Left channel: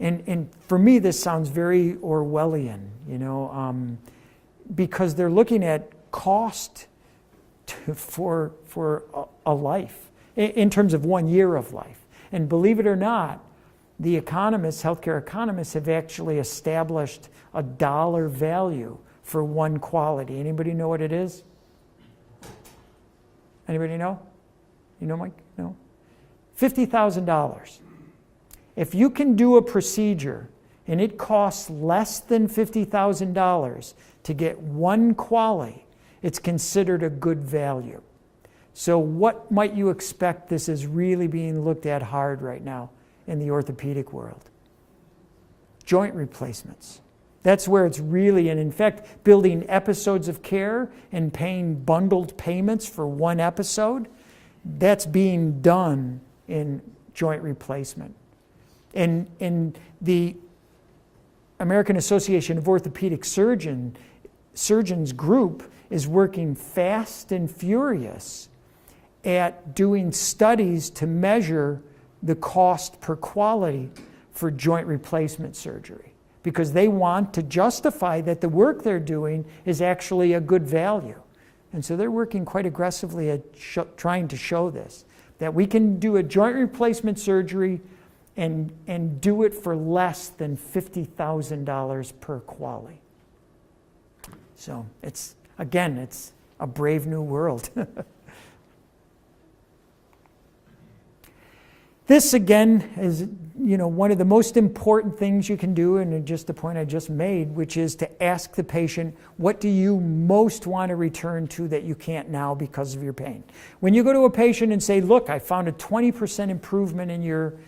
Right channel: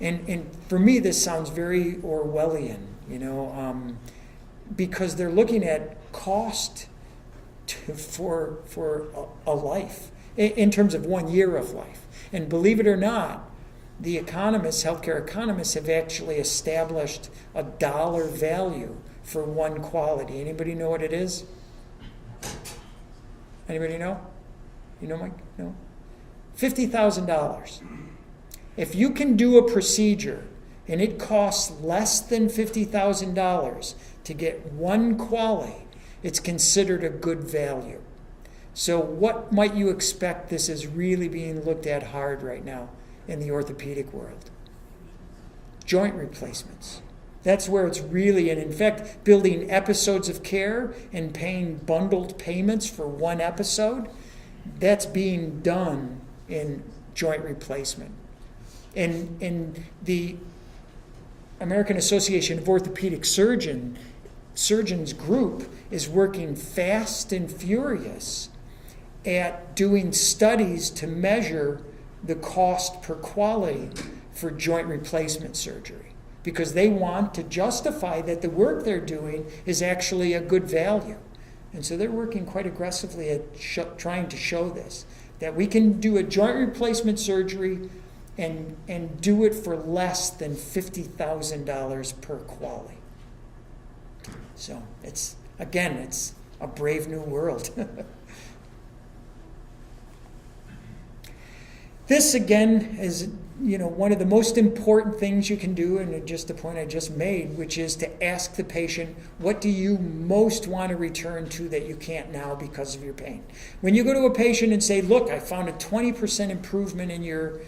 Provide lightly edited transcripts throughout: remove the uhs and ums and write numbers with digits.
And for me, this sounds very Orwellian, because they're looking at cost for a life in terms of 1 year of life. And believe it or not, the economists, healthcare economists, have actually established a dollar value for one quality. Anybody know what it is? Anybody know? You know, Mike? No? $50,000. If you can do a procedure and it costs less than $50,000 to get one quality, it's considered a good value. So what might you expect this is really being looked at hard right now in the orthopedic world? Joint replacements. That's where it's really, and in fact, building episodes of care and paying bundled payments for one episode, that's being done in joint replacement. And the American Association of Orthopedic Surgeons group is working fast and furious at doing studies to measure the cost per quality for joint replacement surgery, because they want to justify that the work they're doing is actually a good value. And so they're working quite aggressively at trying to show this, that we can do a joint replacement surgery and do it for less than $50,000 per quality. So it's a brave new world. This, again, is one of the most important things you can do, and just the point I just made, which is to ask the patient, what do you most want to return to that you can't now because of your pain? When you go to a patient and say, look, I found a 20% improvement in your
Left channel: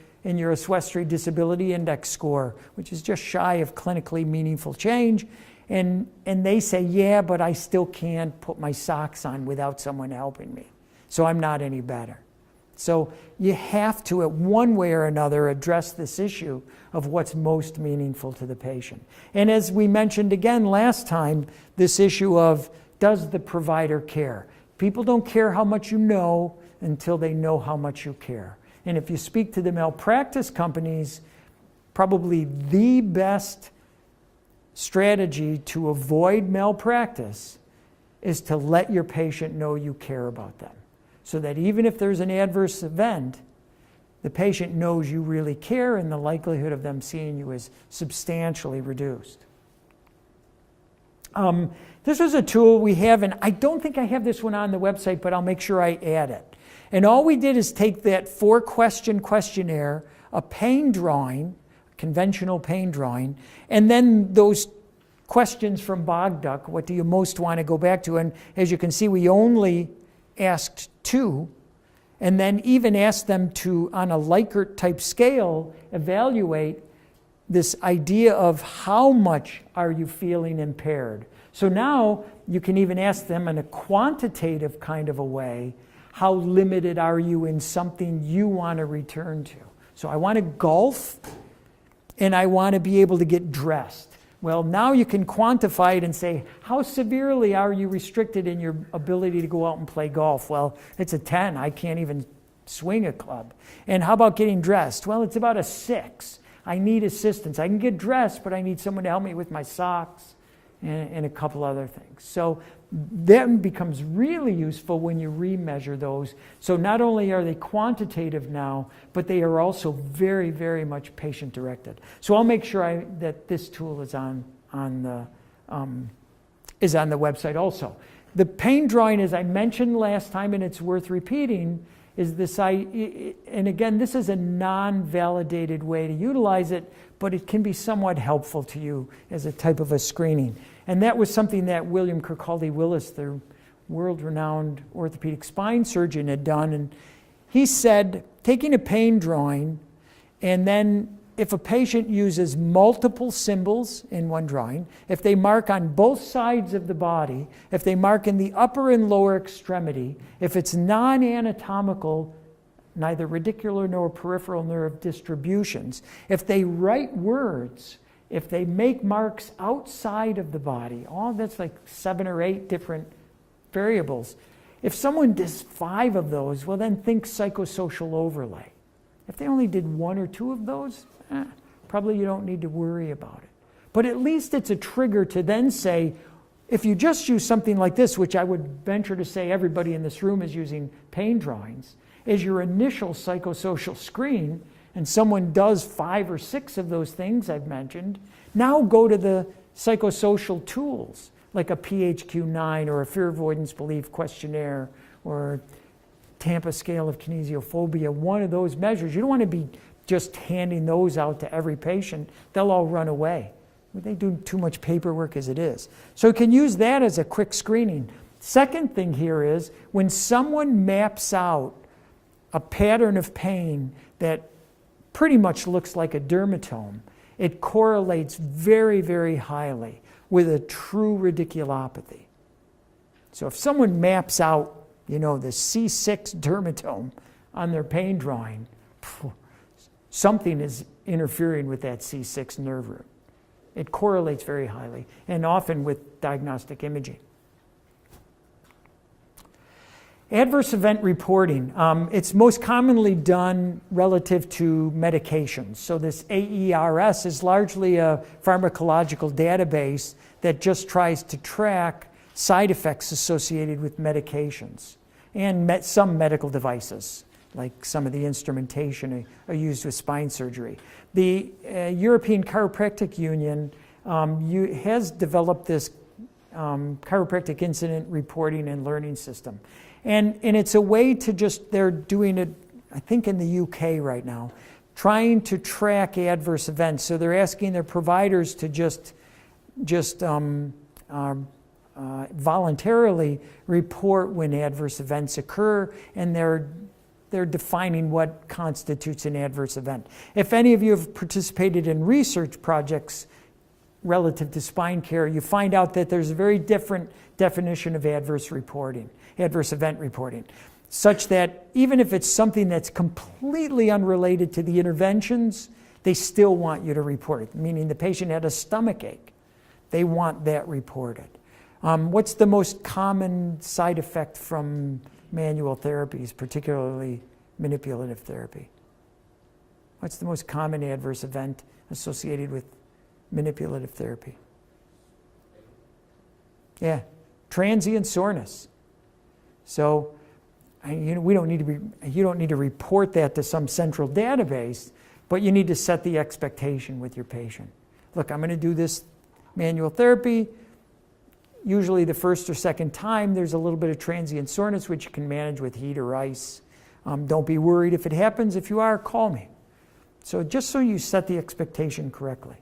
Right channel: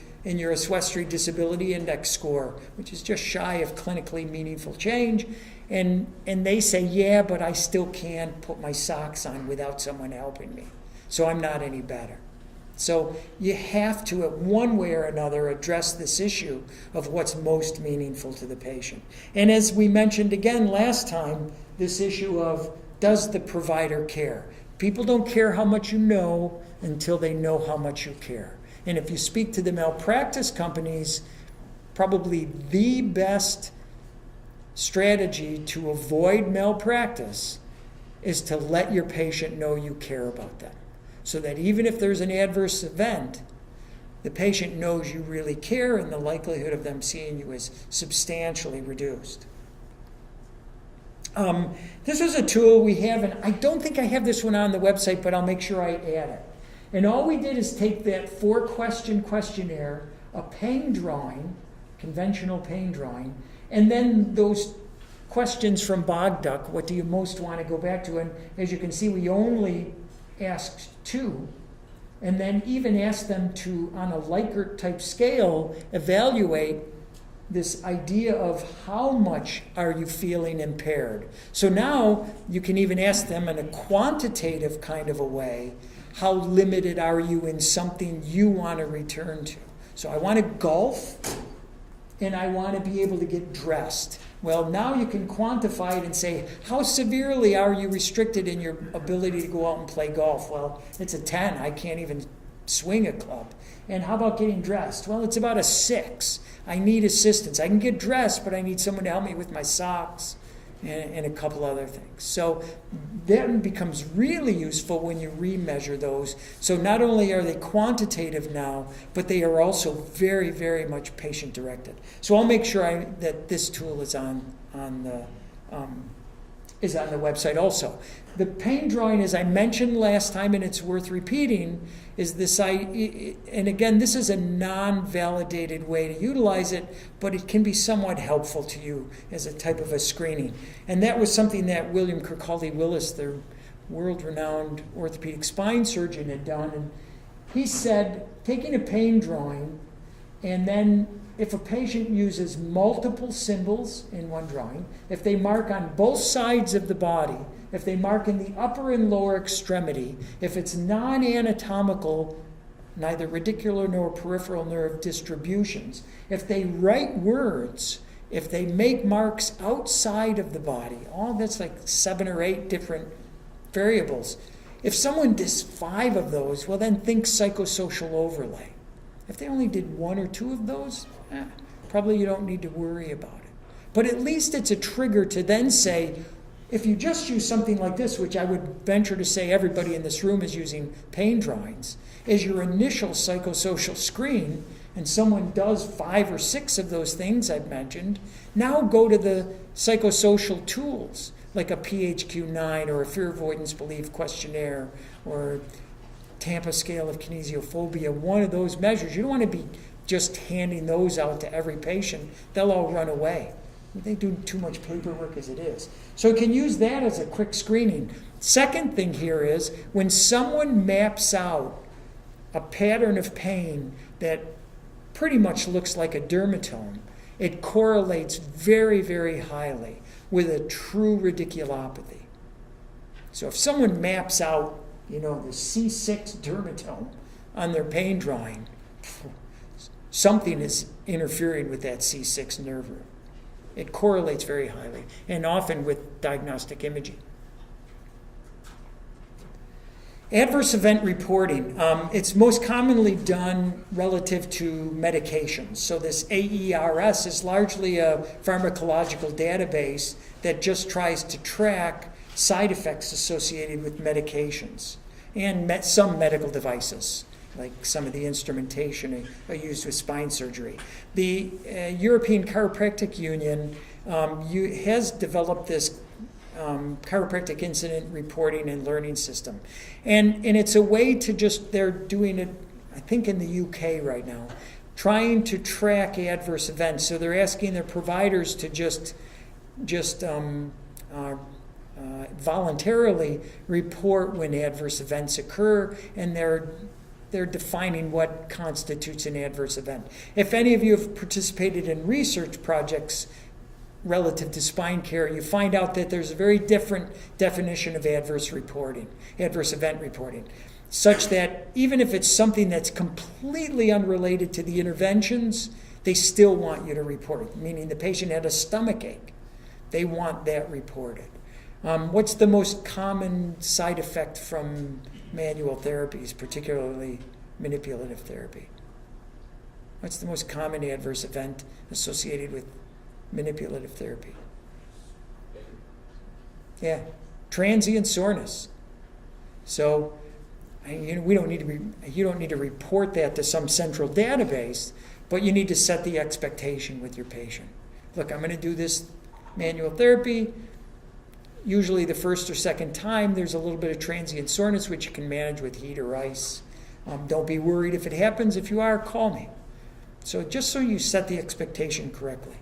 Oswestry Disability Index score, which is just shy of clinically meaningful change, and they say, yeah, but I still can't put my socks on without someone helping me, so I'm not any better. So you have to, at one way or another, address this issue of what's most meaningful to the patient. And as we mentioned again last time, this issue of, does the provider care? People don't care how much you know until they know how much you care. And if you speak to the malpractice companies, probably the best strategy to avoid malpractice is to let your patient know you care about them, so that even if there's an adverse event, the patient knows you really care and the likelihood of them seeing you is substantially reduced. This is a tool we have, and I don't think I have this one on the website, but I'll make sure I add it. And all we did is take that 4-question questionnaire, a pain drawing, conventional pain drawing, and then those questions from Bogduck, what do you most want to go back to? And as you can see, we only asked 2, and then even asked them to, on a Likert type scale, evaluate this idea of how much are you feeling impaired. So now you can even ask them in a quantitative kind of a way, how limited are you in something you want to return to? So I want to golf, and I want to be able to get dressed. Well, now you can quantify it and say, how severely are you restricted in your ability to go out and play golf? Well, it's a 10. I can't even swing a club. And how about getting dressed? Well, it's about a 6. I need assistance. I can get dressed, but I need someone to help me with my socks and a couple other things. So that becomes really useful when you remeasure those. So not only are they quantitative now, but they are also very, very much patient-directed. So I'll make sure that this tool is on the website also. The pain drawing, as I mentioned last time, and it's worth repeating, is this, and again, this is a non-validated way to utilize it, but it can be somewhat helpful to you as a type of a screening. And that was something that William Kirkcaldy-Willis, the world-renowned orthopedic spine surgeon, had done. And he said, taking a pain drawing, and then if a patient uses multiple symbols in one drawing, if they mark on both sides of the body, if they mark in the upper and lower extremity, if it's non-anatomical, neither radicular nor peripheral nerve distributions, if they write words, if they make marks outside of the body, all that's like 7 or 8 different variables. If someone does 5 of those, well then think psychosocial overlay. If they only did 1 or 2 of those, probably you don't need to worry about it. But at least it's a trigger to then say, if you just use something like this, which I would venture to say everybody in this room is using pain drawings, as your initial psychosocial screen, and someone does 5 or 6 of those things I've mentioned, now go to the psychosocial tools, like a PHQ-9 or a fear avoidance belief questionnaire or Tampa scale of kinesiophobia, one of those measures. You don't want to be just handing those out to every patient. They'll all run away. They do too much paperwork as it is. So you can use that as a quick screening. Second thing here is when someone maps out a pattern of pain that pretty much looks like a dermatome, it correlates very, very highly with a true radiculopathy. So if someone maps out, the C6 dermatome on their pain drawing, something is interfering with that C6 nerve root. It correlates very highly, and often with diagnostic imaging. Adverse event reporting. It's most commonly done relative to medications. So this AERS is largely a pharmacological database that just tries to track side effects associated with medications and some medical devices, like some of the instrumentation are used with spine surgery. The European Chiropractic Union has developed this chiropractic incident reporting and learning system. And it's a way to they're doing it, I think in the UK right now, trying to track adverse events. So they're asking their providers to just voluntarily report when adverse events occur, and they're defining what constitutes an adverse event. If any of you have participated in research projects relative to spine care, you find out that there's a very different definition of adverse event reporting, such that even if it's something that's completely unrelated to the interventions, they still want you to report it, meaning the patient had a stomach ache. They want that reported. What's the most common side effect from manual therapies, particularly manipulative therapy? What's the most common adverse event associated with manipulative therapy? Yeah, transient soreness. So, you don't need to report that to some central database, but you need to set the expectation with your patient. Look, I'm going to do this manual therapy. Usually the first or second time, there's a little bit of transient soreness, which you can manage with heat or ice. Don't be worried if it happens. If you are, call me. So just so you set the expectation correctly.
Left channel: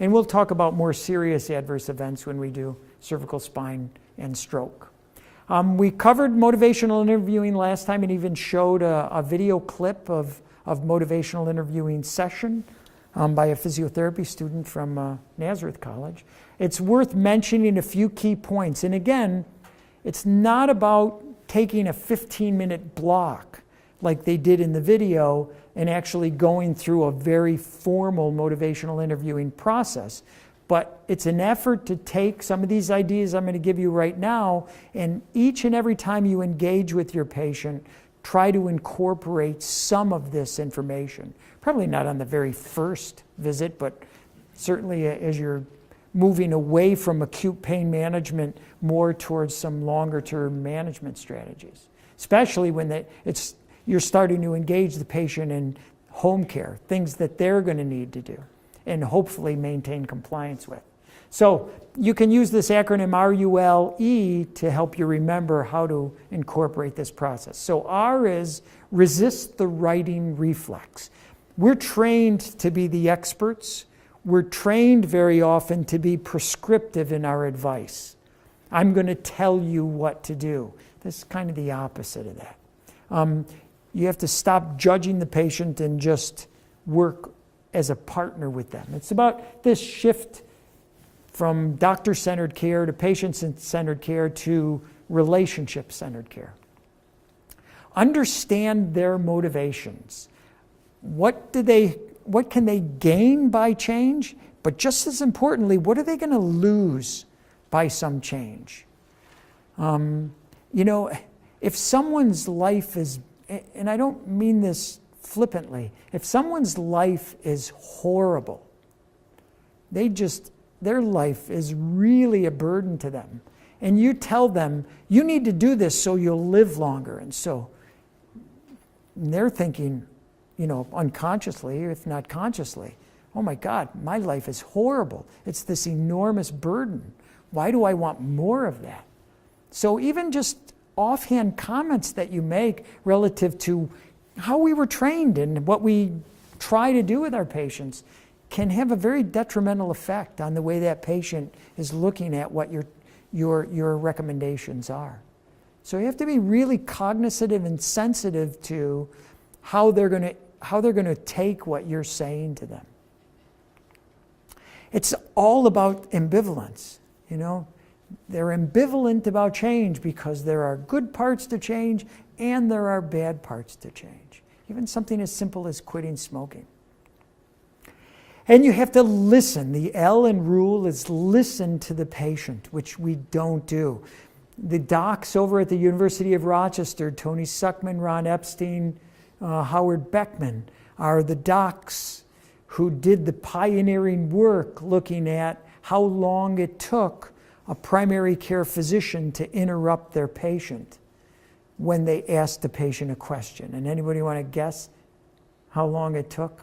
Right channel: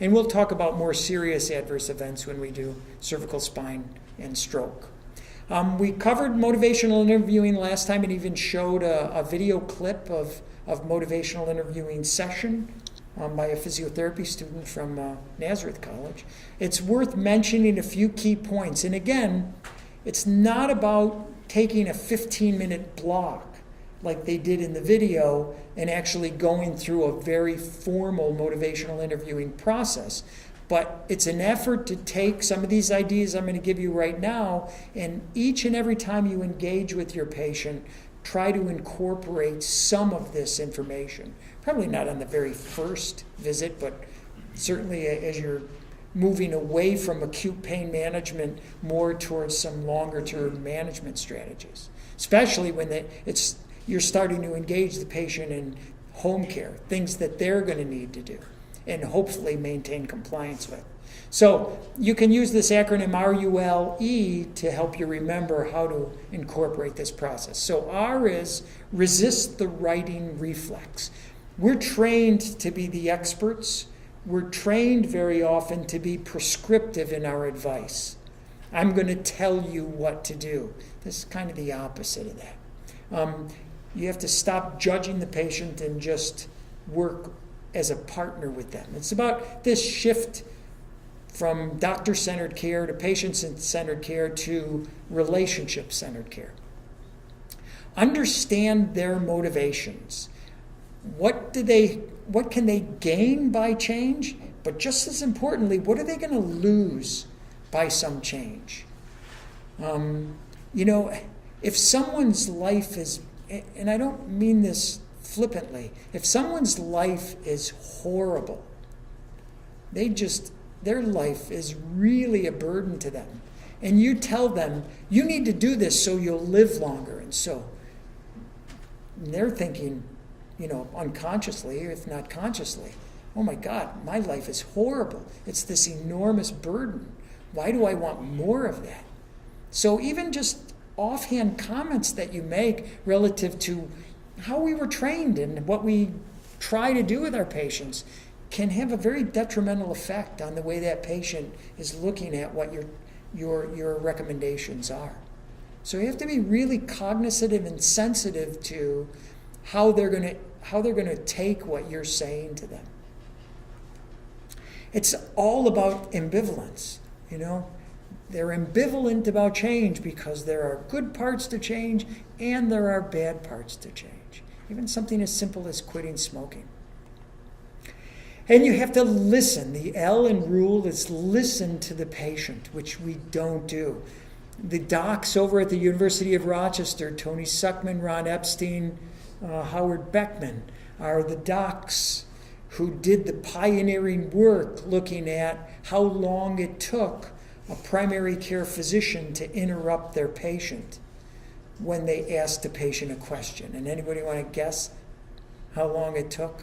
And we'll talk about more serious adverse events when we do cervical spine and stroke. We covered motivational interviewing last time and even showed a video clip of motivational interviewing session by a physiotherapy student from Nazareth College. It's worth mentioning a few key points. And again, it's not about taking a 15-minute block like they did in the video and actually going through a very formal motivational interviewing process. But it's an effort to take some of these ideas I'm going to give you right now, and each and every time you engage with your patient, try to incorporate some of this information. Probably not on the very first visit, but certainly as you're moving away from acute pain management more towards some longer-term management strategies, especially when you're starting to engage the patient in home care, things that they're going to need to do and hopefully maintain compliance with. So you can use this acronym RULE to help you remember how to incorporate this process. So R is resist the writing reflex. We're trained to be the experts. We're trained very often to be prescriptive in our advice. I'm going to tell you what to do. This is kind of the opposite of that. You have to stop judging the patient and just work as a partner with them. It's about this shift from doctor-centered care to patient-centered care to relationship-centered care. Understand their motivations. What can they gain by change? But just as importantly, what are they going to lose by some change? If someone's life is, and I don't mean this flippantly. If someone's life is horrible, their life is really a burden to them. And you tell them, you need to do this so you'll live longer. And they're thinking, unconsciously, if not consciously, oh my God, my life is horrible. It's this enormous burden. Why do I want more of that? So even just offhand comments that you make relative to how we were trained and what we try to do with our patients can have a very detrimental effect on the way that patient is looking at what your recommendations are. So you have to be really cognizant and sensitive to how they're going to take what you're saying to them. It's all about ambivalence, They're ambivalent about change because there are good parts to change and there are bad parts to change. Even something as simple as quitting smoking. And you have to listen. The L in rule is listen to the patient, which we don't do. The docs over at the University of Rochester, Tony Suckman, Ron Epstein, Howard Beckman, are the docs who did the pioneering work looking at how long it took a primary care physician to interrupt their patient when they asked the patient a question. And anybody want to guess how long it took?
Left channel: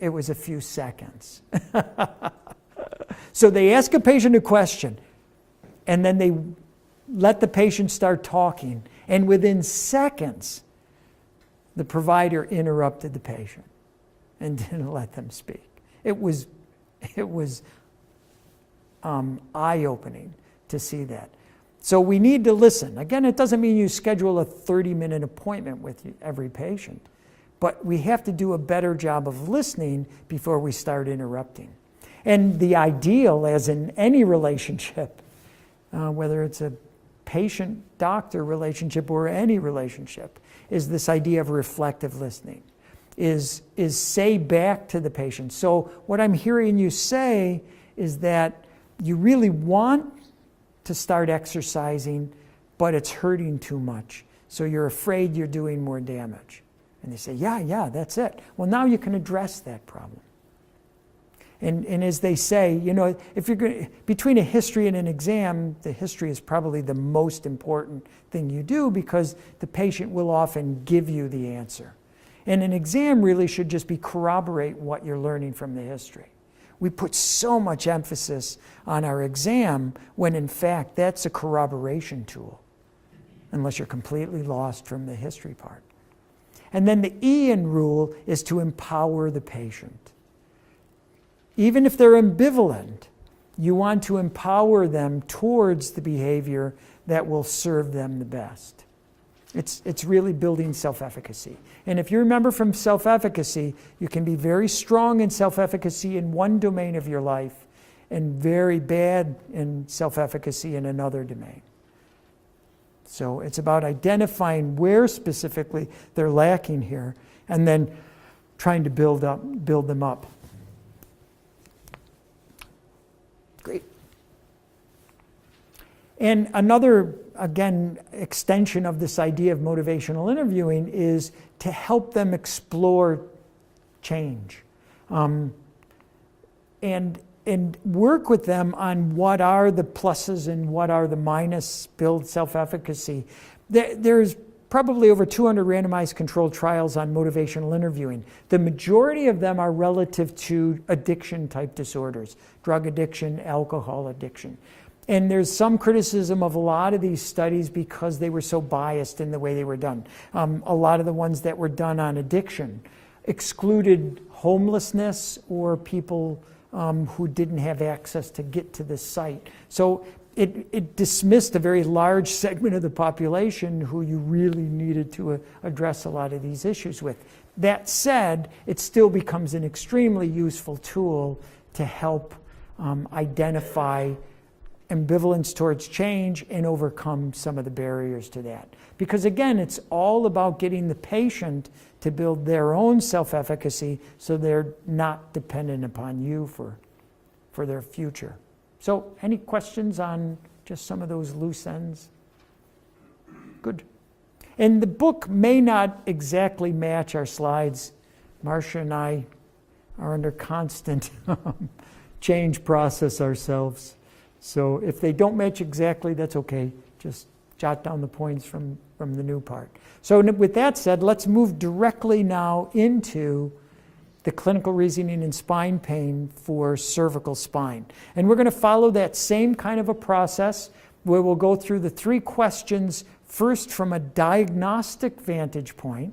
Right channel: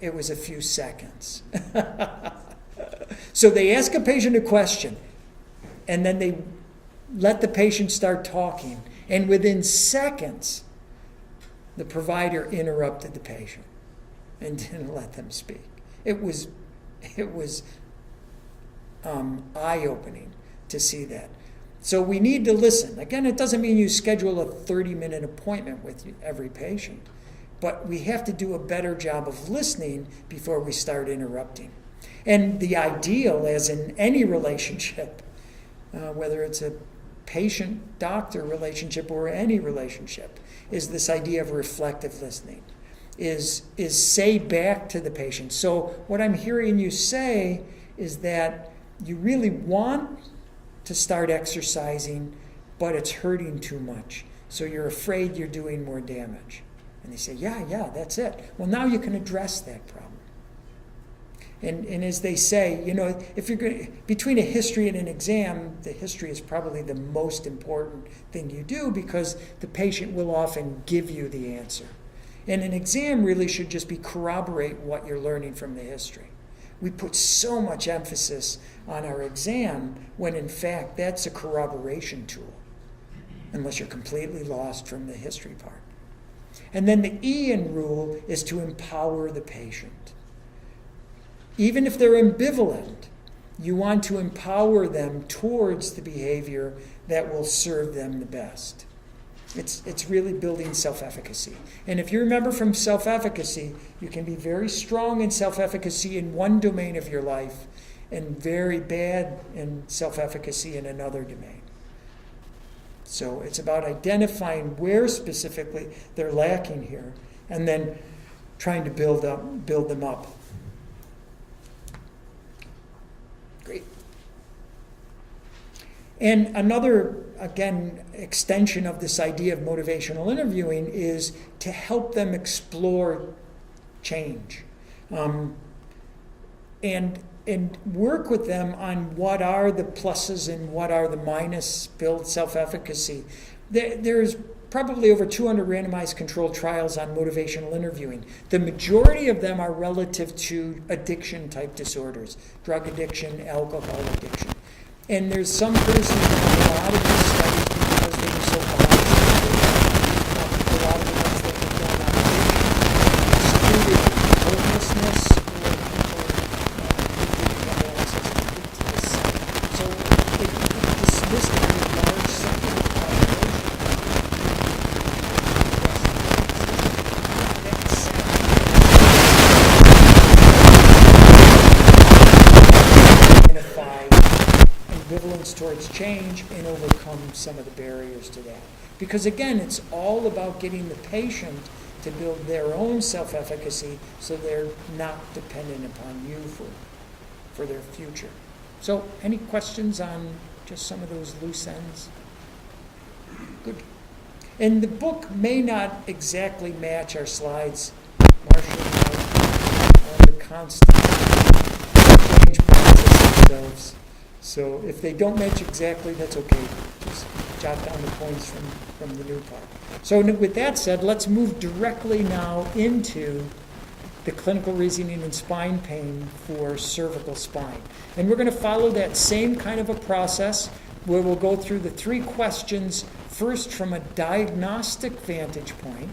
It was a few seconds. So they ask a patient a question, and then they let the patient start talking, and within seconds, the provider interrupted the patient and didn't let them speak. It was eye-opening to see that. So we need to listen. Again, it doesn't mean you schedule a 30-minute appointment with every patient, but we have to do a better job of listening before we start interrupting. And the ideal, as in any relationship, whether it's a patient-doctor relationship or any relationship, is this idea of reflective listening, is say back to the patient. So what I'm hearing you say is that you really want to start exercising, but it's hurting too much. So you're afraid you're doing more damage. And they say, yeah, that's it. Well, now you can address that problem. And as they say, if you're going between a history and an exam, the history is probably the most important thing you do because the patient will often give you the answer. And an exam really should just be corroborate what you're learning from the history. We put so much emphasis on our exam when in fact that's a corroboration tool, unless you're completely lost from the history part. And then the E in rule is to empower the patient. Even if they're ambivalent, you want to empower them towards the behavior that will serve them the best. It's really building self-efficacy. And if you remember from self-efficacy, you can be very strong in self-efficacy in one domain of your life and very bad in self-efficacy in another domain. So it's about identifying where specifically they're lacking here and then trying to build them up. Great. And another, again, extension of this idea of motivational interviewing is to help them explore change. And work with them on what are the pluses and what are the minus, build self-efficacy. There's probably over 200 randomized controlled trials on motivational interviewing. The majority of them are relative to addiction-type disorders, drug addiction, alcohol addiction. And there's some criticism of a lot of these studies because they were so biased. A lot of the ones that were done on addiction excluded homelessness or people who didn't have access to get to this site. So it dismissed a very large segment of the population who really needed to address a lot of these issues with. That said, still identify ambivalence towards change and overcome some of the barriers to that. Because again, it's all about getting the patient to build their own self-efficacy so they're not dependent upon you for their future. So any questions on just some of those loose ends? Good. And the book may not exactly match our slides. Marcia and I are under constant change process ourselves. So if they don't match exactly, that's okay. Just jot down the points from the new part. So with that said, let's move directly now into the clinical reasoning in spine pain for cervical spine. And we're going to follow that same kind of a process where we'll go through the 3 questions first from a diagnostic vantage point,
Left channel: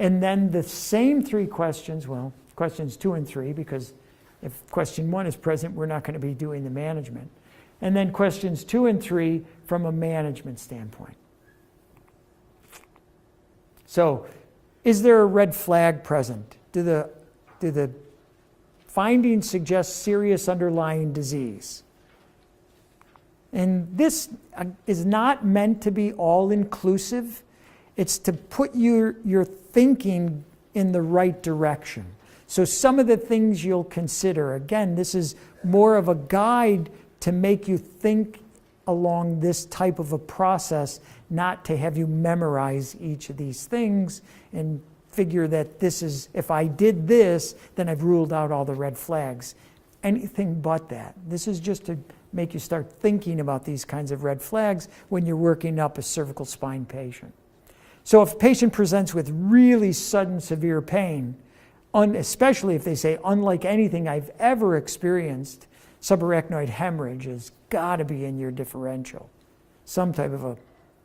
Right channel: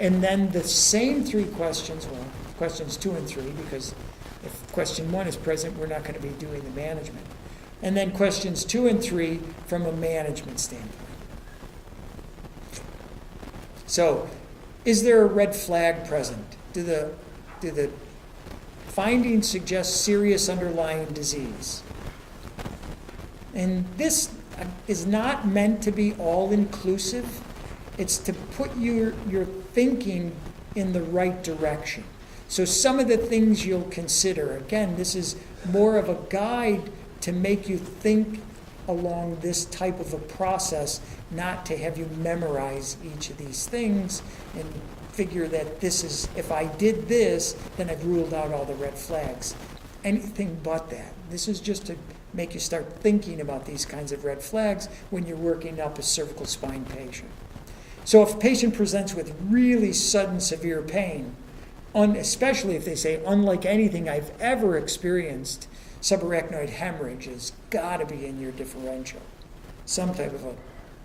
and then the same 3 questions, well, questions 2 and 3, because if question 1 is present, we're not going to be doing the management. And then questions 2 and 3 from a management standpoint. So, is there a red flag present? Do the findings suggest serious underlying disease? And this is not meant to be all-inclusive. It's to put your thinking in the right direction. So some of the things you'll consider, again, this is more of a guide to make you think along this type of a process, not to have you memorize each of these things and figure that this is, if I did this, then I've ruled out all the red flags. Anything but that. This is just to make you start thinking about these kinds of red flags when you're working up a cervical spine patient. So if a patient presents with really sudden severe pain, especially if they say, unlike anything I've ever experienced, subarachnoid hemorrhage has got to be in your differential, some type of a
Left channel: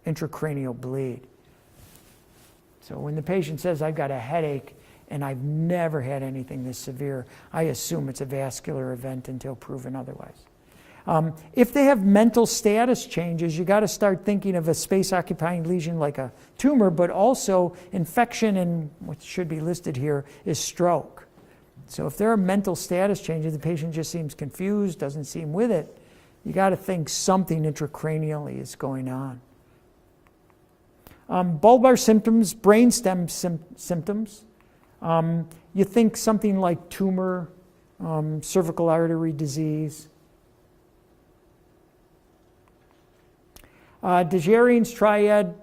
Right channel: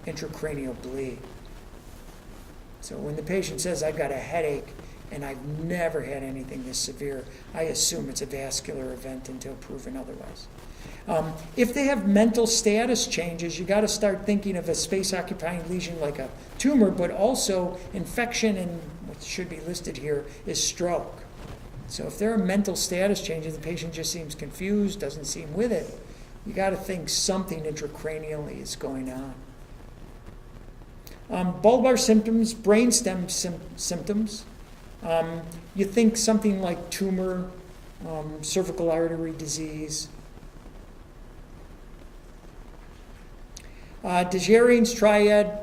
intracranial bleed. So when the patient says, I've got a headache and I've never had anything this severe, I assume it's a vascular event until proven otherwise. If they have mental status changes, you got to start thinking of a space-occupying lesion like a tumor, but also infection, and what should be listed here is stroke. So if there are mental status changes, the patient just seems confused, doesn't seem with it, you got to think something intracranially is going on. Bulbar symptoms, brainstem symptoms. You think something like tumor, cervical artery disease. Dejerines triad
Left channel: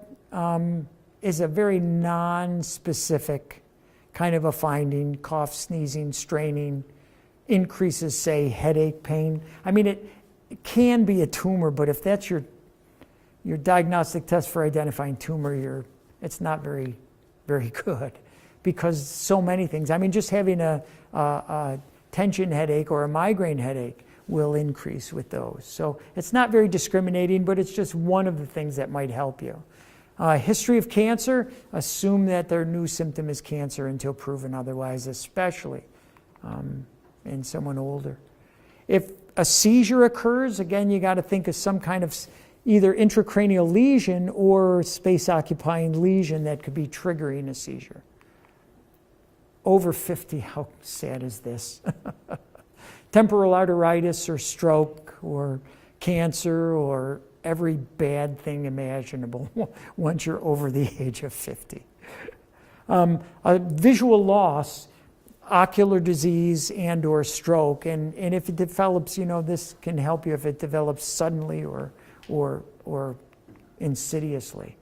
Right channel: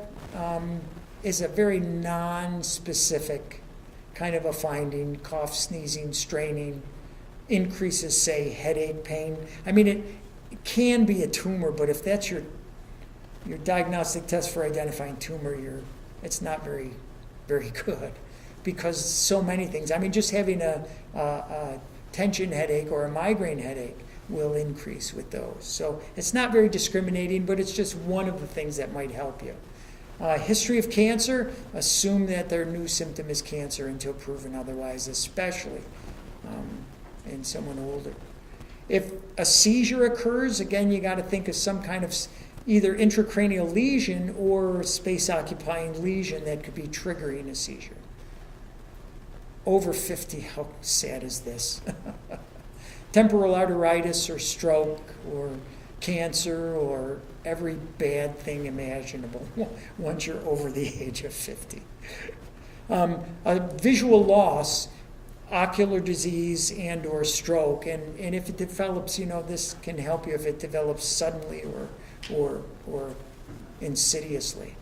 is a very non-specific kind of a finding. Cough, sneezing, straining, increases, say, headache, pain. I mean, it can be a tumor, but if that's your diagnostic test for identifying tumor, it's not very, very good, because so many things. I mean, just having a tension headache or a migraine headache will increase with those. So it's not very discriminating, but it's just one of the things that might help you. History of cancer, assume that their new symptom is cancer until proven otherwise, especially in someone older. If a seizure occurs, again, you got to think of some kind of either intracranial lesion or space-occupying lesion that could be triggering a seizure. Over 50, how sad is this? Temporal arteritis or stroke or cancer or every bad thing imaginable once you're over the age of 50. A visual loss, ocular disease and or stroke, and if it develops, this can help you if it develops suddenly or insidiously.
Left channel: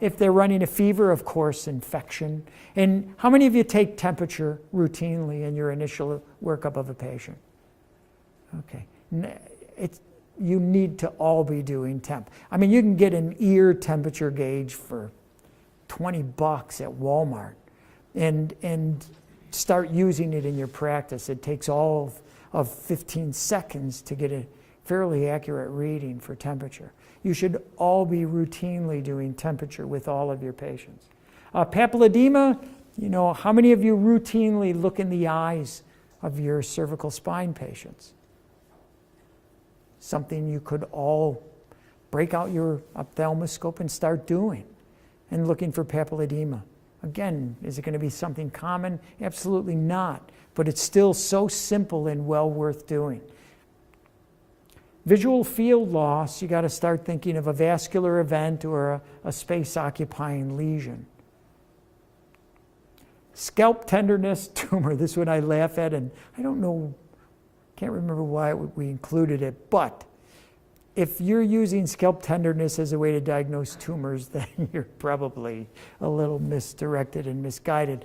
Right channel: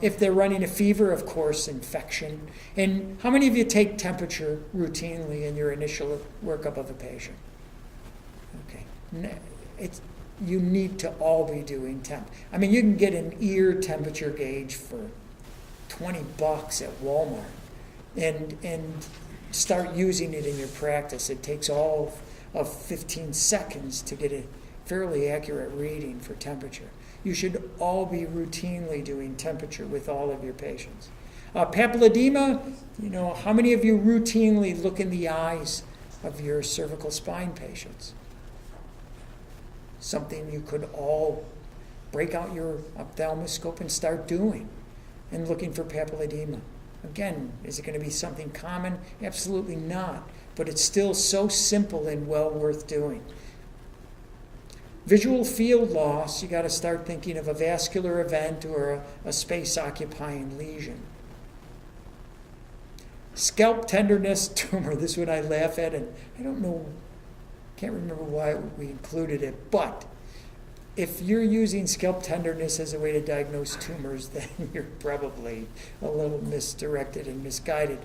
If they're running a fever, of course, infection. And how many of you take temperature routinely in your initial workup of a patient? Okay. You need to all be doing temp. I mean, you can get an ear temperature gauge for $20 at Walmart and start using it in your practice. It takes all of 15 seconds to get a fairly accurate reading for temperature. You should all be routinely doing temperature with all of your patients. Papilledema, how many of you routinely look in the eyes of your cervical spine patients? Something you could all break out your ophthalmoscope and start doing and looking for papilledema. Again, is it going to be something common? Absolutely not. But it's still so simple and well worth doing. Visual field loss, you got to start thinking of a vascular event or a space-occupying lesion. Scalp tenderness, tumor, this one I laugh at, and I don't know, can't remember why we included it, but if you're using scalp tenderness as a way to diagnose tumors, then you're probably a little misdirected and misguided.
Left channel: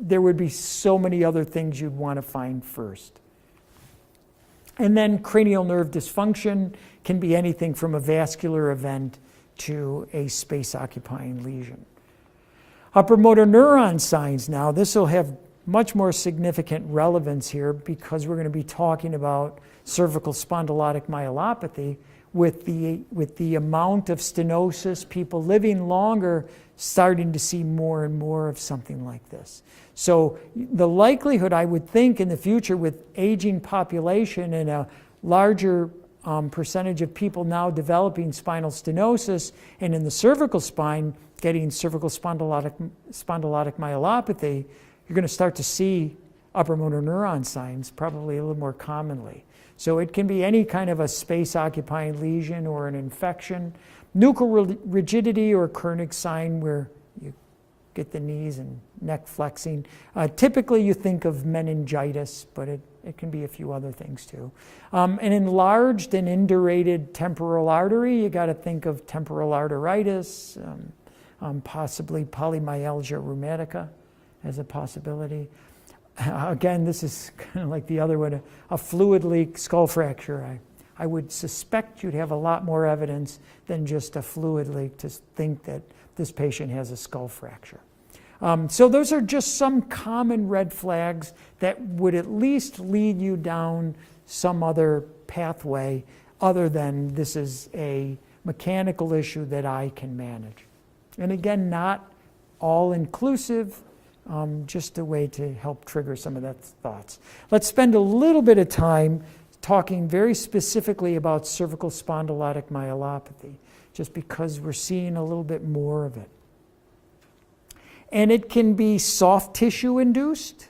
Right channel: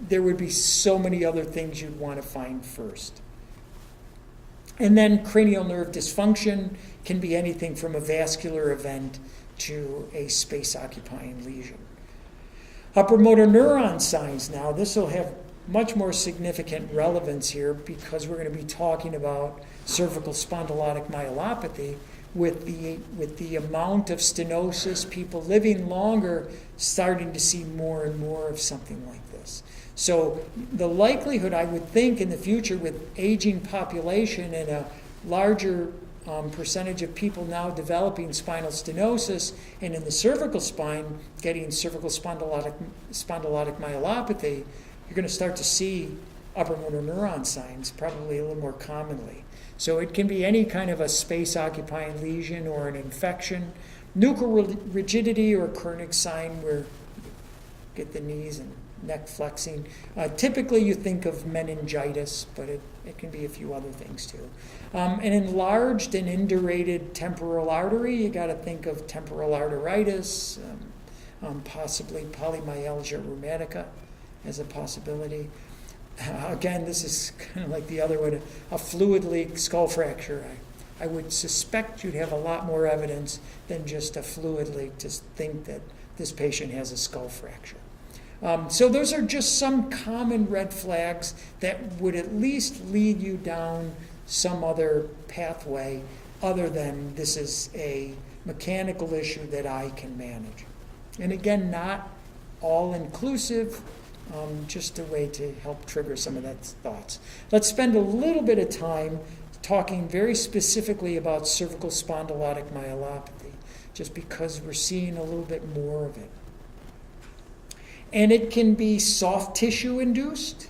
There would be so many other things you'd want to find first. And then cranial nerve dysfunction can be anything from a vascular event to a space-occupying lesion. Upper motor neuron signs now, this will have much more significant relevance here because we're going to be talking about cervical spondylotic myelopathy with the amount of stenosis, people living longer, starting to see more and more of something like this. So the likelihood, I would think, in the future with aging population and a larger percentage of people now developing spinal stenosis, and in the cervical spine getting cervical spondylotic myelopathy, you're going to start to see upper motor neuron signs probably a little more commonly. So it can be any kind of a space-occupying lesion or an infection, nuchal rigidity or Kernig sign where you get the knees and neck flexing. Typically you think of meningitis, but it can be a few other things too. An enlarged and indurated temporal artery, you got to think of temporal arteritis, possibly polymyalgia rheumatica as a possibility. Again, this is kind of like the other one, a fluid leak, skull fracture. I would suspect you'd have a lot more evidence than just a fluid leak to think that this patient has a skull fracture. So those are just some common red flags that would at least lead you down some other pathway other than this is a mechanical issue that I can manage. And again, not all inclusive, just a way to help trigger some of that thoughts. Let's spend a little bit of time talking very specifically about cervical spondylotic myelopathy, just because we're seeing a little bit more of it. And it can be soft tissue induced.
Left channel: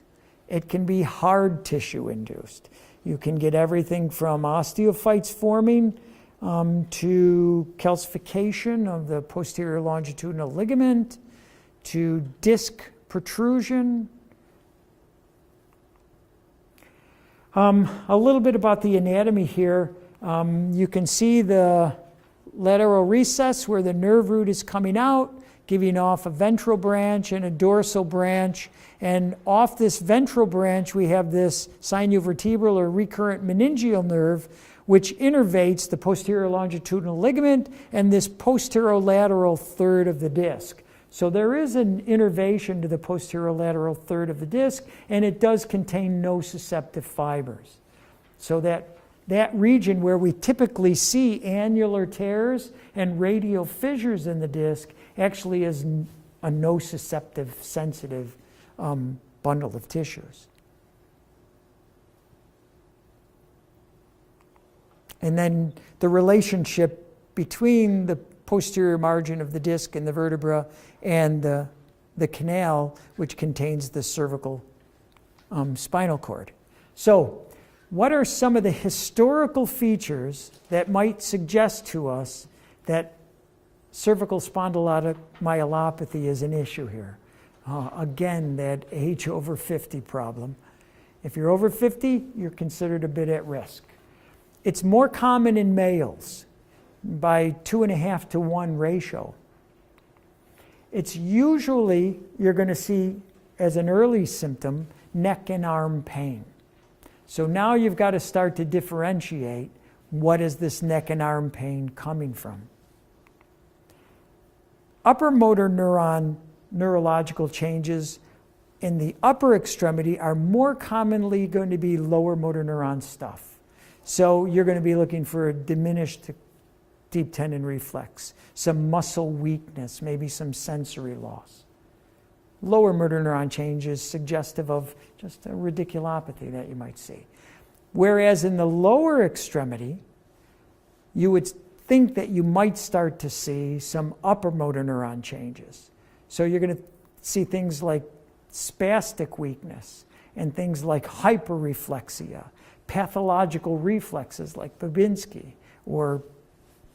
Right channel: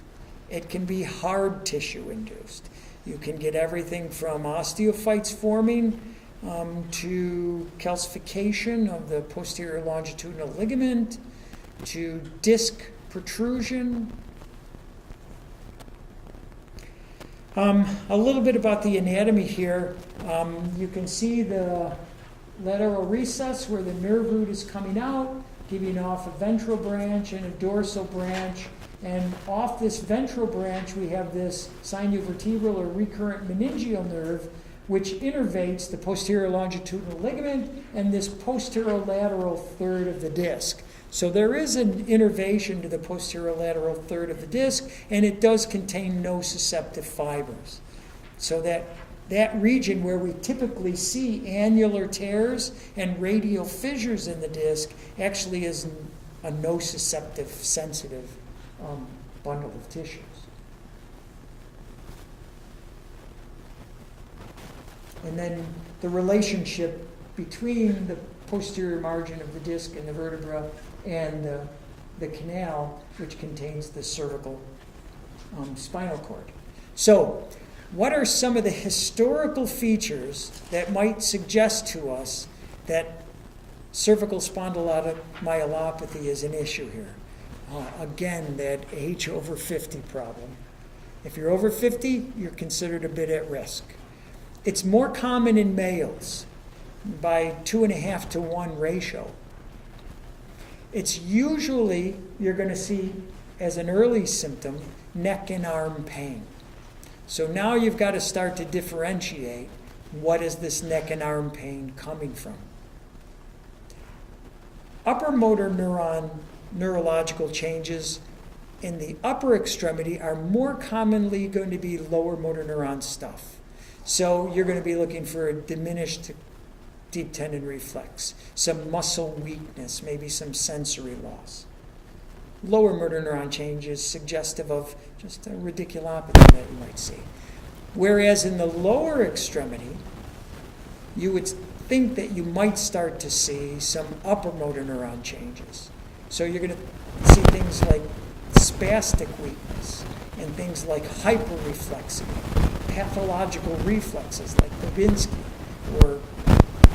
It can be hard tissue induced. You can get everything from osteophytes forming to calcification of the posterior longitudinal ligament to disc protrusion. A little bit about the anatomy here. You can see the lateral recess where the nerve root is coming out, giving off a ventral branch and a dorsal branch. And off this ventral branch, we have this sinovertebral or recurrent meningeal nerve, which innervates the posterior longitudinal ligament and this posterolateral third of the disc. So there is an innervation to the posterolateral third of the disc, and it does contain nociceptive fibers. So that region where we typically see annular tears and radial fissures in the disc actually is a nociceptive, sensitive bundle of tissues. And then the relationship between the posterior margin of the disc and the vertebra and the canal, which contains the cervical spinal cord. So, what are some of the historical features that might suggest to us that cervical spondylotic myelopathy is an issue here? Again, that age over 50 problem. If you're over 50, you're considered a bit at risk. It's more common in males by 2.5 to 1 ratio. It's usually, you're going to see as an early symptom, neck and arm pain. So now you've got to start to differentiate what is this neck and arm pain coming from. Upper motor neuron neurological changes in the upper extremity are more commonly going to be lower motor neuron stuff. So you're going to be looking for a diminished deep tendon reflex, some muscle weakness, maybe some sensory loss. Lower motor neuron change is suggestive of just a radiculopathy that you might see. Whereas in the lower extremity, you would think that you might start to see some upper motor neuron changes. So you're going to see things like spastic weakness and things like hyperreflexia, pathological reflexes like Babinski, or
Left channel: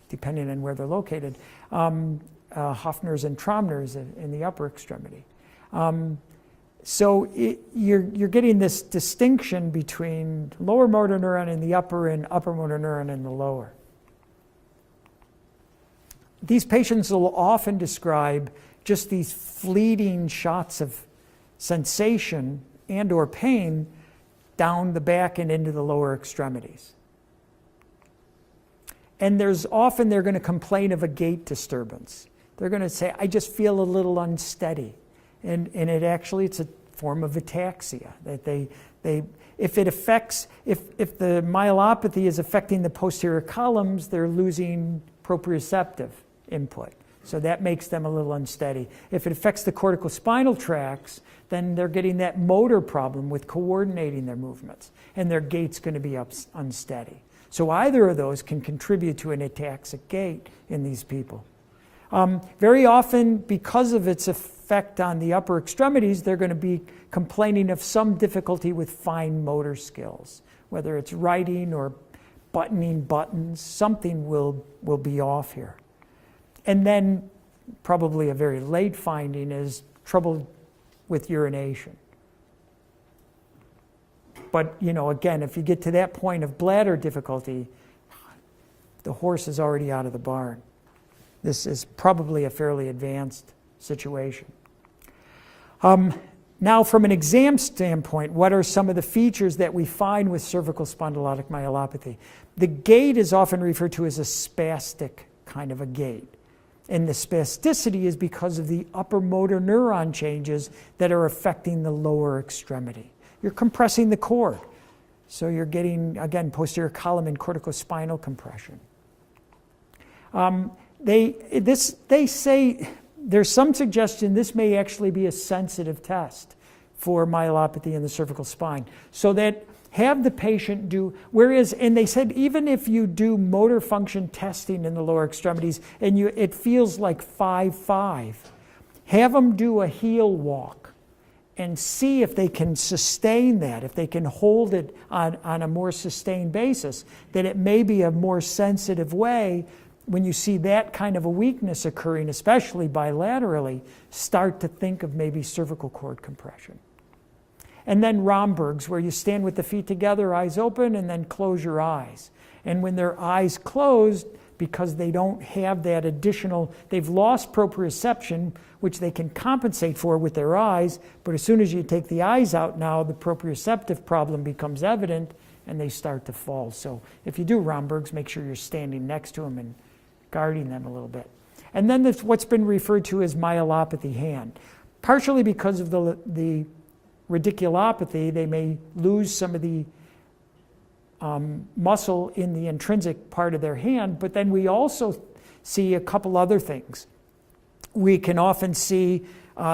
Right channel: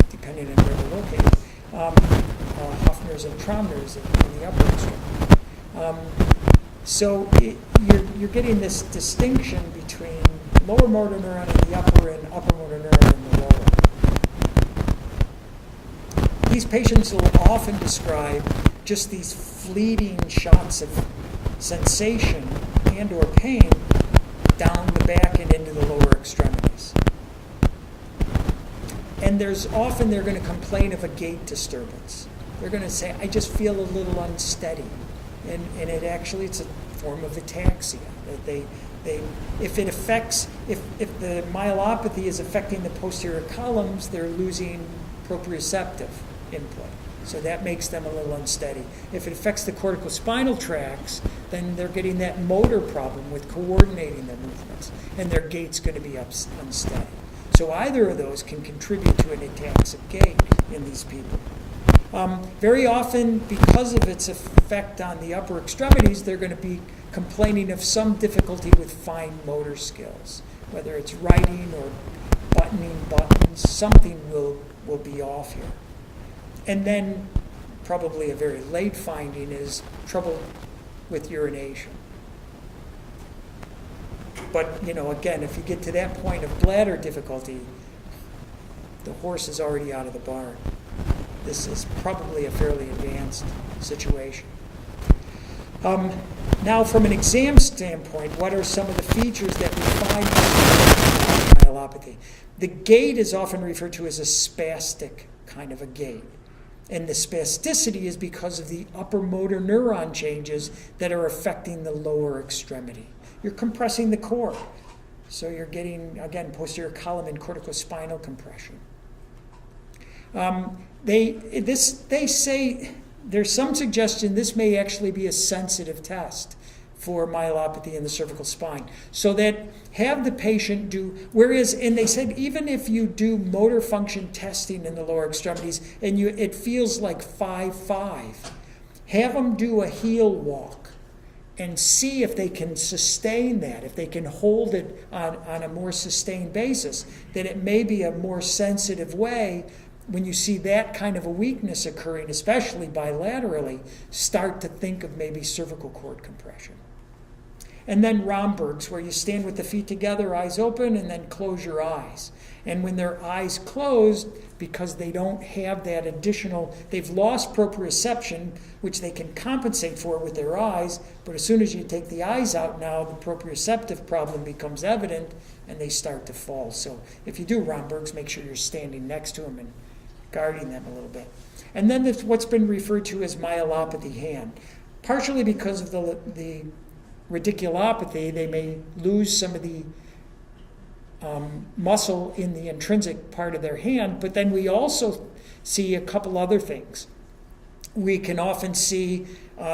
depending on where they're located, Hoffner's and Tromner's in the upper extremity. So you're getting this distinction between lower motor neuron in the upper and upper motor neuron in the lower. these patients will often describe just these fleeting shots of sensation and or pain down the back and into the lower extremities. And they're going to complain of a gait disturbance. They're going to say, I just feel a little unsteady. And it's a form of ataxia. That if the myelopathy is affecting the posterior columns, they're losing proprioceptive input. So that makes them a little unsteady. If it affects the corticospinal tracts, then they're getting that motor problem with coordinating their movements, and their gait's going to be unsteady. So either of those can contribute to an ataxic gait in these people. Very often, because of its effect on the upper extremities, they're going to be complaining of some difficulty with fine motor skills, whether it's writing or buttoning buttons. Something will be off here. And then probably a very late finding is trouble with urination. But, again, if you get to that point of bladder difficulty, the horse is already out of the barn. This is probably a fairly advanced situation. Now, from an exam standpoint, what are some of the features that we find in myelopathy? The gait is often referred to as a spastic kind of a gait. And the spasticity is because of the upper motor neuron changes that are affecting the lower extremity. You're compressing the core. So you're getting, again, posterior column and corticospinal compression. They say there's some suggestion this may actually be a sensitive test for myelopathy in the cervical spine. So that have the patient do, and they said even if you do motor function testing in the lower extremities and it feels like 5-5, have them do a heel walk and see if they can sustain that, if they can hold it on a more sustained basis, that it may be a more sensitive way when you see that kind of a weakness occurring, especially bilaterally, start to think of maybe cervical cord compression. And then Romberg's, where you stand with the feet together, eyes open, and then close your eyes. And when their eyes closed, because they don't have that additional, they've lost proprioception, which they can compensate for with their eyes, but as soon as you take the eyes out now, the proprioceptive problem becomes evident, and they start to fall. So if you do Romberg's, make sure you're standing next to them and guarding them a little bit. And then there's what's been referred to as myelopathy hand. Partially because of the radiculopathy, they may lose some of the muscle in the intrinsic part of their hand, but then we also see a couple other things. We can often see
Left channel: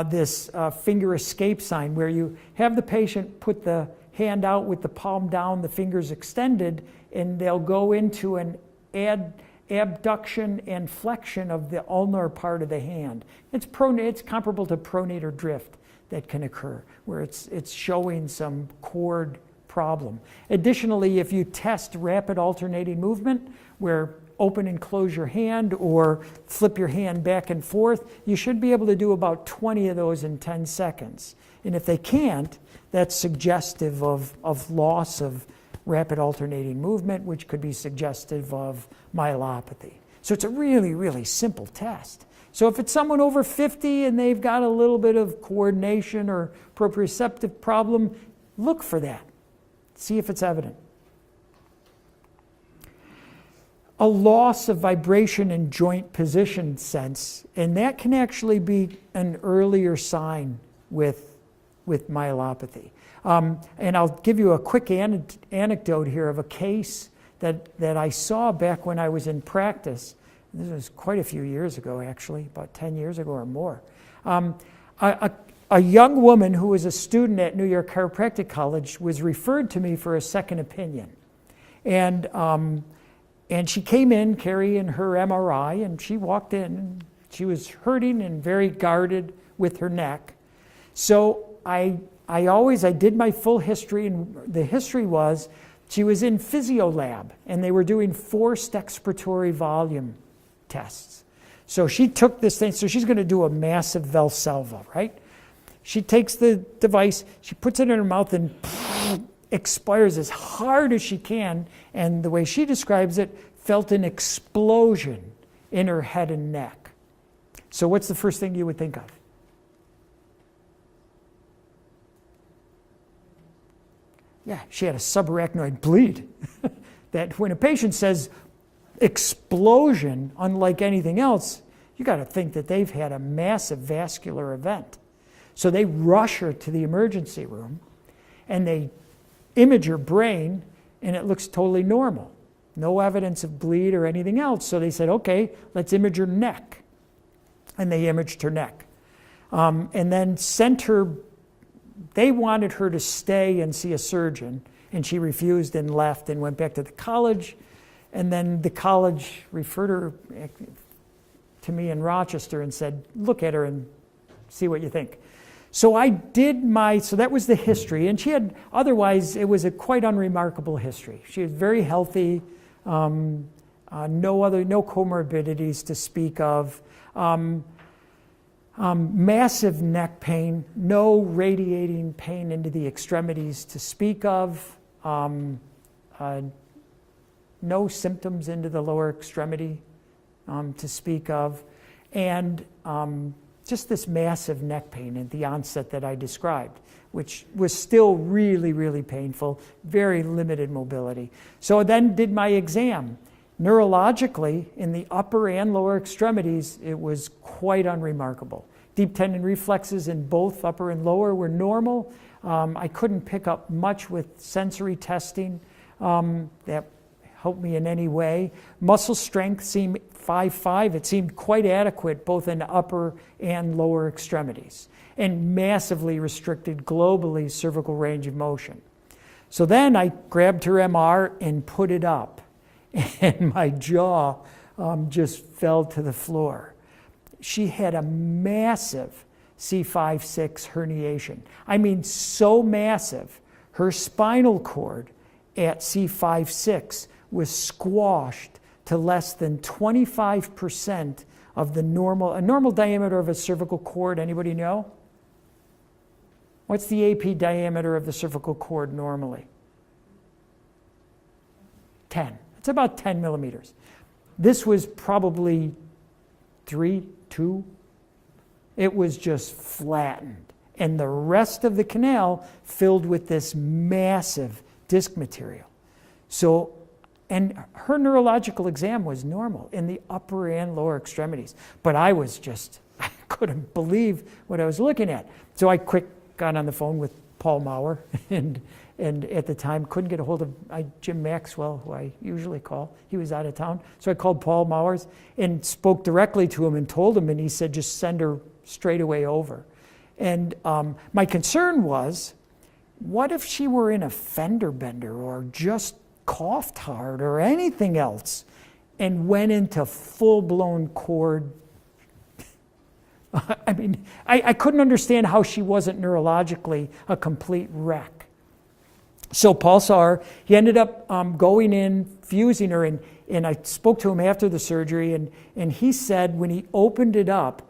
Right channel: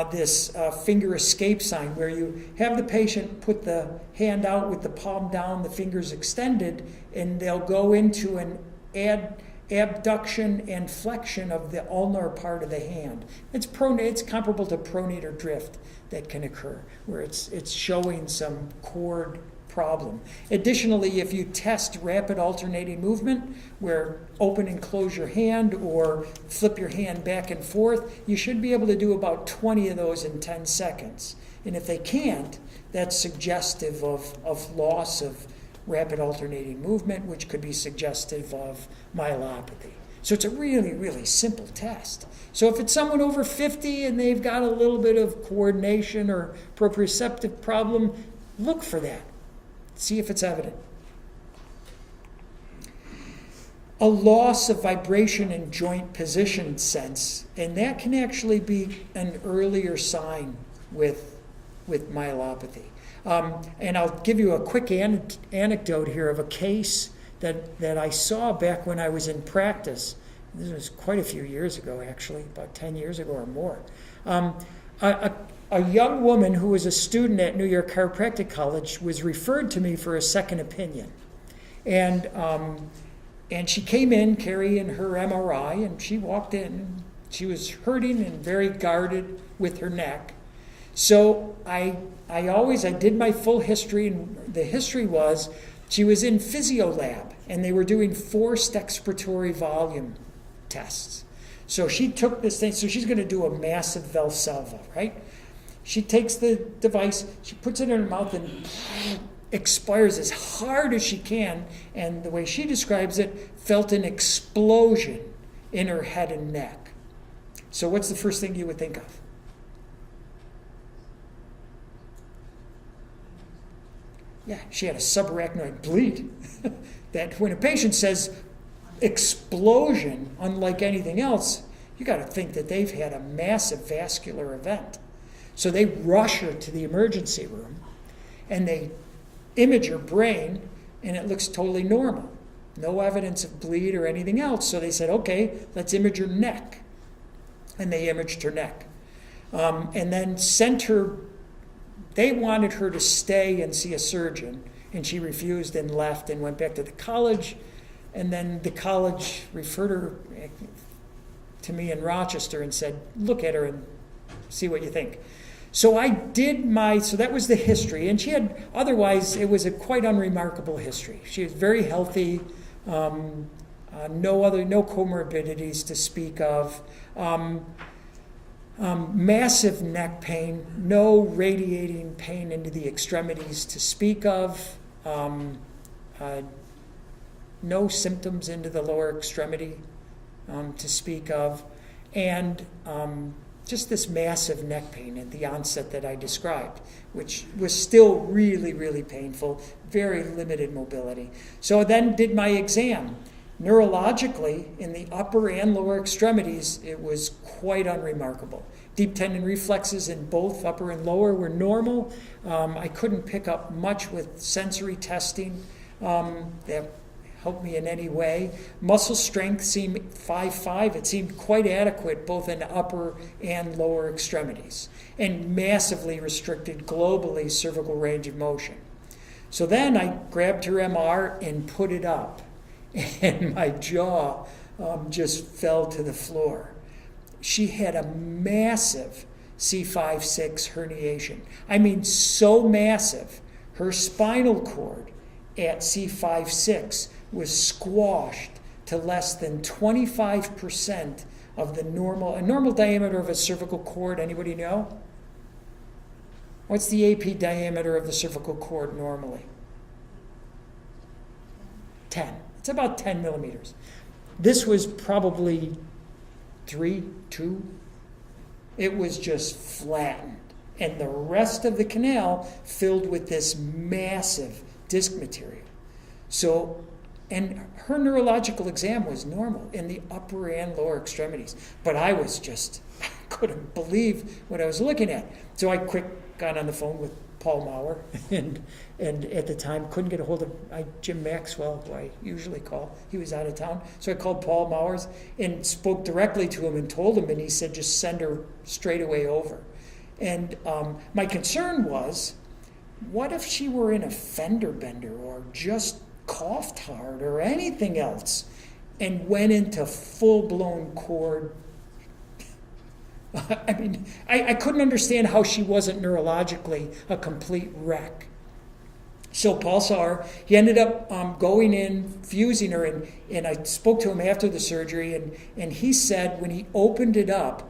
this finger escape sign, where you have the patient put the hand out with the palm down, the fingers extended, and they'll go into an abduction and flexion of the ulnar part of the hand. It's comparable to pronator drift that can occur, where it's showing some cord problem. Additionally, if you test rapid alternating movement, where open and close your hand or flip your hand back and forth, you should be able to do about 20 of those in 10 seconds. And if they can't, that's suggestive of loss of rapid alternating movement, which could be suggestive of myelopathy. So it's a really, really simple test. So if it's someone over 50 and they've got a little bit of coordination or proprioceptive problem, look for that. See if it's evident. A loss of vibration and joint position sense, and that can actually be an earlier sign with myelopathy. And I'll give you a quick anecdote here of a case that I saw back when I was in practice. This was quite a few years ago, actually, about 10 years ago or more. A young woman who was a student at New York Chiropractic College was referred to me for a second opinion. And she came in carrying her MRI, and she walked in. She was hurting and very guarded with her neck. So I did my full history, and the history was she was in physio lab, and they were doing forced expiratory volume tests. So she took this thing, so she's going to do a massive Valsalva, right? She takes the device, she puts it in her mouth and expires as hard as she can, and the way she describes it, felt an explosion in her head and neck. So what's the first thing you would think of? Yeah, she had a subarachnoid bleed. That when a patient says explosion, unlike anything else, you got to think that they've had a massive vascular event. So they rush her to the emergency room and they image her brain and it looks totally normal. No evidence of bleed or anything else. So they said, okay, let's image her neck. And they imaged her neck. And then sent her, they wanted her to stay and see a surgeon. And she refused and left and went back to the college. And then the college referred her to me in Rochester and said, look at her and see what you think. So I did so that was the history. And she had, otherwise, it was a quite unremarkable history. She was very healthy, no comorbidities to speak of. Massive neck pain, no radiating pain into the extremities to speak of, no symptoms into the lower extremity to speak of, and just this massive neck pain at the onset that I described, which was still really, really painful, very limited mobility. So I then did my exam. Neurologically, in the upper and lower extremities, it was quite unremarkable. Deep tendon reflexes in both upper and lower were normal. I couldn't pick up much with sensory testing that helped me in any way. Muscle strength seemed 5'5". It seemed quite adequate both in upper and lower extremities, and massively restricted globally cervical range of motion. So then I grabbed her MR and put it up. And my jaw just fell to the floor. She had a massive C5-6 herniation. I mean, so massive, her spinal cord at C5-6 was squashed to less than 25% of a normal diameter of a cervical cord. Anybody know? What's the AP diameter of the cervical cord normally? 10. It's about 10 millimeters. This was probably 3, 2. It was just flattened. And the rest of the canal filled with this massive disc material. So, and her neurological exam was normal in the upper and lower extremities. But I couldn't believe what I was looking at. So I got on the phone with Paul Maurer, and at the time couldn't get a hold of Jim Maxwell, who I usually call. He was out of town. So I called Paul Maurer and spoke directly to him and told him, and he said, just send her straight away over. And my concern was, what if she were in a fender bender or just coughed hard or anything else and went into full-blown cord? I mean, I couldn't understand how she wasn't neurologically a complete wreck. So Paul saw her. He ended up going in, fusing her, and I spoke to him after the surgery, and he said when he opened it up,